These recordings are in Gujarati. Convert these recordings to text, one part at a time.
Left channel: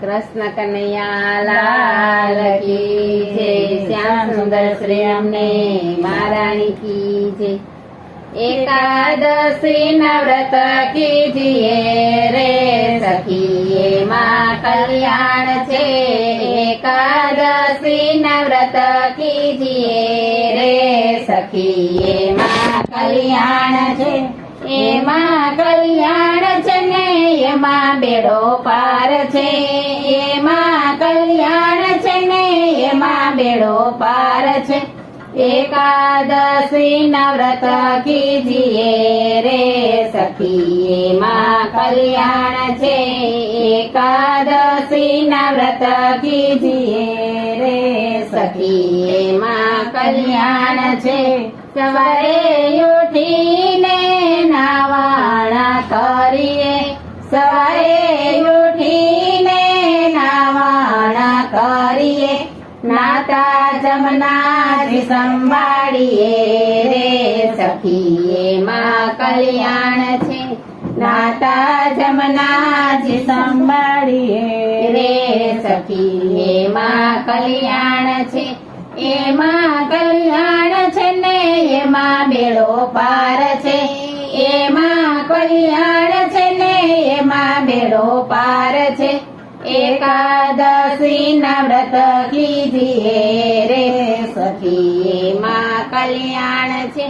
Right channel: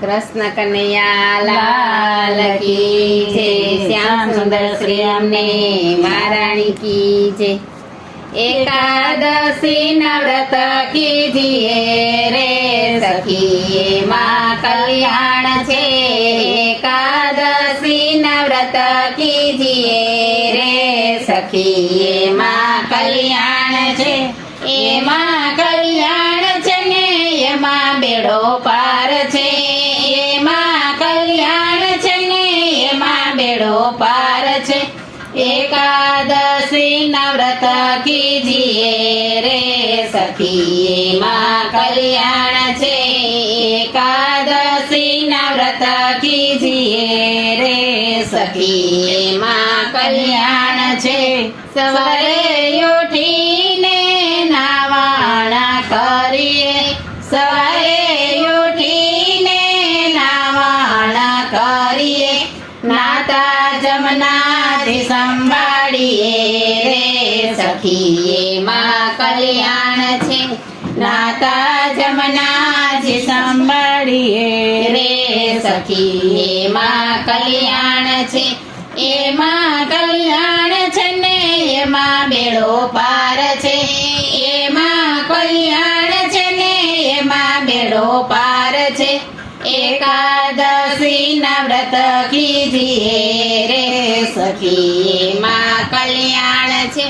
કૃષ્ણ કનૈયા લાલ કી જય, શ્યામ સુંદર શ્રી અમને મહારાણી કી જય। એકાદશી ના વ્રત કીજીએ રે સખી, એમાં કલ્યાણ છે। એકાદશી ના વ્રત કીજીએ રે સખી, એમાં કલ્યાણ છે। એમાં કલ્યાણ છે ને એમાં બેડો પાર છે। એમાં કલ્યાણ છે ને એમાં બેડો પાર છે। એકાદશી ના વ્રત કીજીએ રે સખી, એમાં કલ્યાણ છે। એકાદશી ના વ્રત કીજીએ રે સખી, એમાં કલ્યાણ છે। સવારે ઉઠીને નાવાણા કરીએ, સવારે ઉઠીને નાવાણા કરીએ, નાતા જમનાથી સંભાળીએ રે સખી, એમાં કલ્યાણ છે। નાતા જમનાથી સંભાળીએ રે સખી, એમાં કલ્યાણ છે। એમાં કલ્યાણ છે ને એમાં બેડો પાર છે। એમાં કલ્યાણ છે ને એમાં બેડો પાર છે। એકાદશી ના વ્રત કીજીએ રે સખી, એમાં કલ્યાણ છે।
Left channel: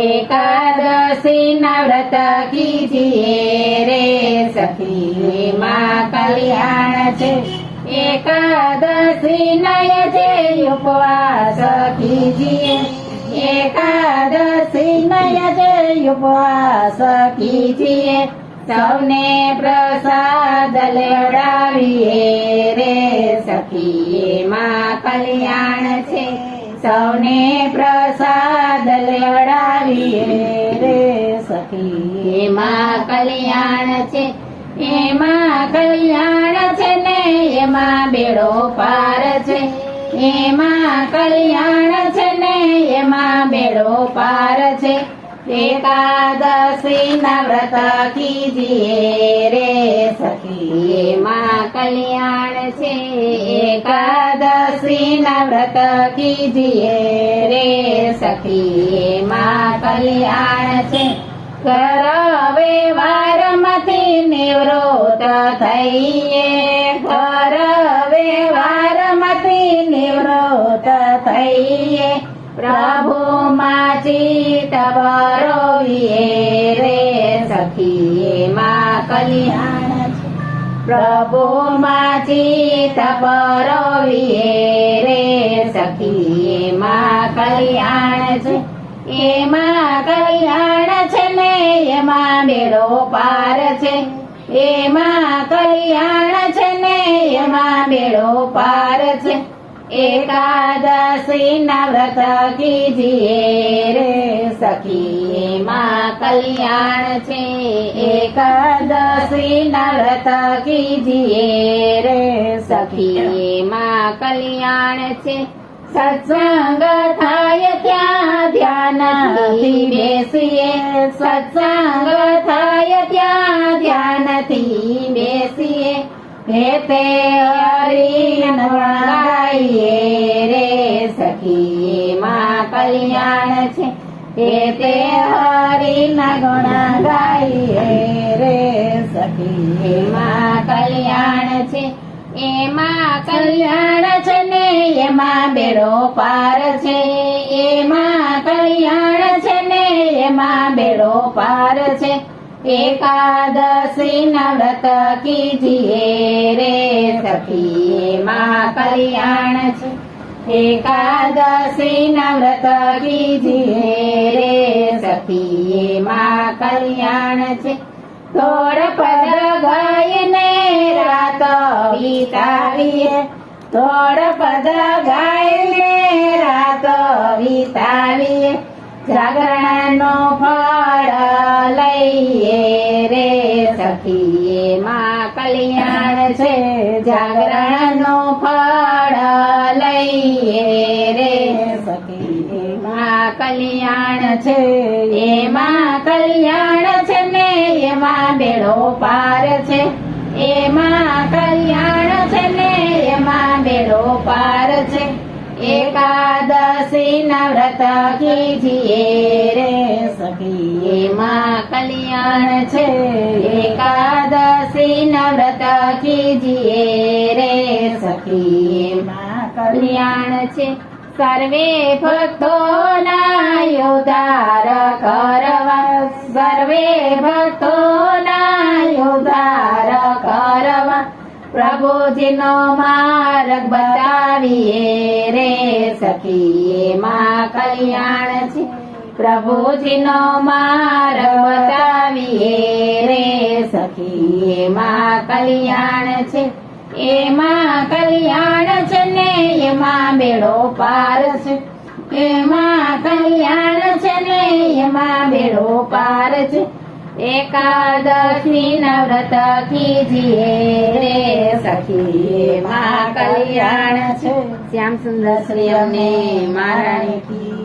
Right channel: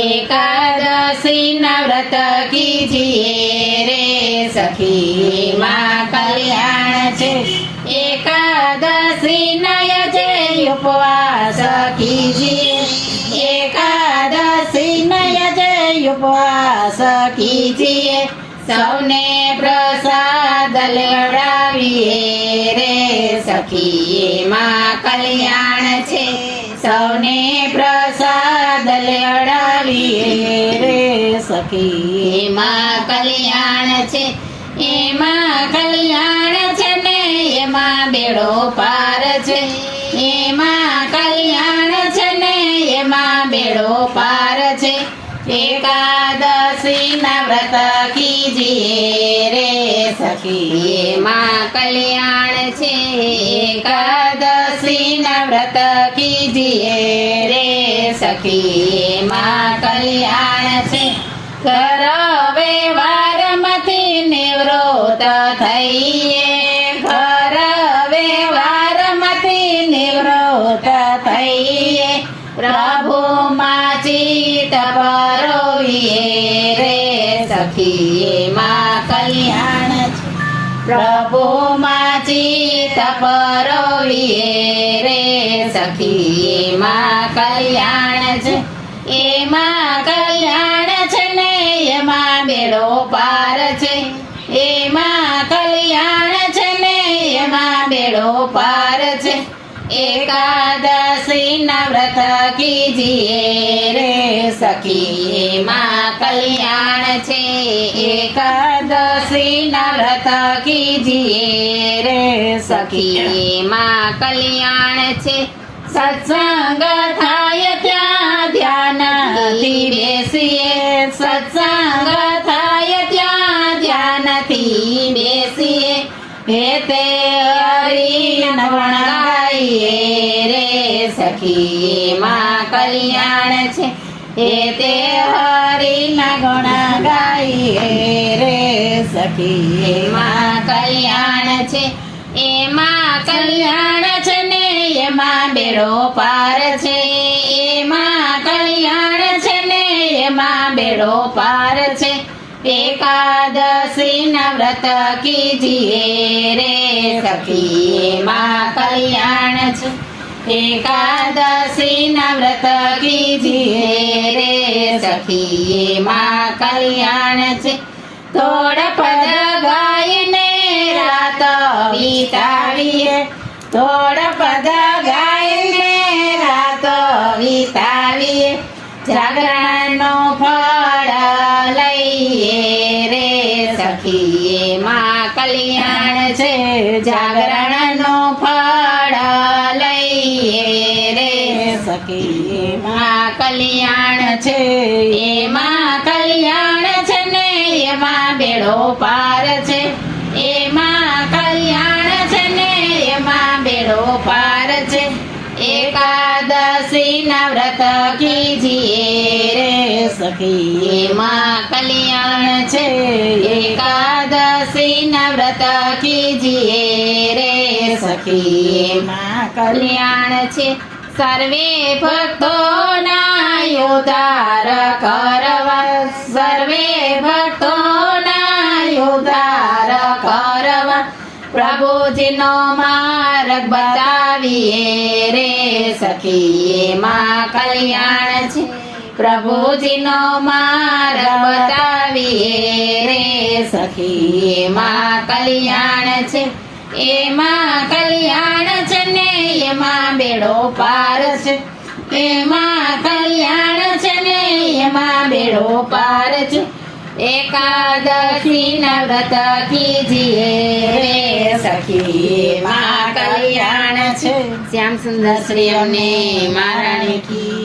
એકાદશી ના વ્રત કીજીએ રે સખી, એમાં કલ્યાણ છે। એકાદશી નય જે ઉપવાસ કીજીએ, એકાદશી નય જે ઉપવાસ કીજીએ, સૌને પ્રસાદ લેવડાવીએ રે સખી, એમાં કલ્યાણ છે। સૌને પ્રસાદ લેવડાવીએ રે સખી, એમાં કલ્યાણ છે। એમાં કલ્યાણ છે ને એમાં બેડો પાર છે। એમાં કલ્યાણ છે ને એમાં બેડો પાર છે। એકાદશી ના વ્રત કીજીએ રે સખી, એમાં કલ્યાણ છે। એકાદશી ના વ્રત કીજીએ રે સખી, એમાં કલ્યાણ છે। કર વ્યવહારમાંથી નિવૃત્ત થઈએ, ઘર વ્યવહારમાંથી નિવૃત્ત થઈએ, પ્રભુમાં ચિત્ત પરોવીએ રે સખી, એમાં કલ્યાણ છે। પ્રભુમાં ચિત્ત પરોવીએ રે સખી, એમાં કલ્યાણ છે। એમાં કલ્યાણ છે ને એમાં બેડો પાર છે। એમાં કલ્યાણ છે ને એમાં બેડો પાર છે। એકાદશી ના વ્રત કીજીએ રે સખી, એમાં કલ્યાણ છે। એકાદશી ના વ્રત કીજીએ રે સખી, એમાં કલ્યાણ છે। સત્સંગ થાય ત્યાં ધ્યાનથી બેસીએ, સત્સંગ થાય ત્યાં ધ્યાનથી બેસીએ, ભેતે હરિન વણાવીએ રે સખી, એમાં કલ્યાણ છે। ભેતે હરિના ગુણા ગાઈએ રે સખી, એમાં કલ્યાણ છે। એમાં કલ્યાણ છે ને એમાં બેડો પાર છે। એમાં કલ્યાણ છે ને એમાં બેડો પાર છે। એકાદશી ના વ્રત કીજીએ રે સખી, એમાં કલ્યાણ છે। એકાદશી ના વ્રત કીજીએ રે સખી, એમાં કલ્યાણ છે। થોડ પદ ગાયને રાત વિતાવીએ, થોડ પદ ગાયને રાત વિતાવીએ, જાગરણનો ફળ લઈએ રે સખી, એમાં કલ્યાણ છે। જાગરણનો ફળ લઈએ રે સખી, એમાં કલ્યાણ છે। એમાં કલ્યાણ છે ને એમાં બેડો પાર છે। એમાં કલ્યાણ કલ્યાણ છે. એકાદશી ના વ્રત કીજીએ રે સખી માં કલ્યાણ કલ્યાણ છે. સર્વે ભક્તોના ઉદ્ધાર કરવા, સર્વે ભક્તોના ઉદ્ધાર કરવા પ્રભુજીનો માર્ગ બતાવીએ રે સખી એમાં કલ્યાણ છે. પ્રભુજીનો માર્ગ બતાવીએ રે સખી એમાં કલ્યાણ છે. એમાં કલ્યાણ છે ને એમાં બેડો પાર છે. એમાં કલ્યાણ છે ને એમાં બેડો પાર છે. એકાદશી ના વ્રત કીજીએ રે સખી એમાં કલ્યાણ છે. શ્યામ સુંદર શ્રી અમને મહારાણી કી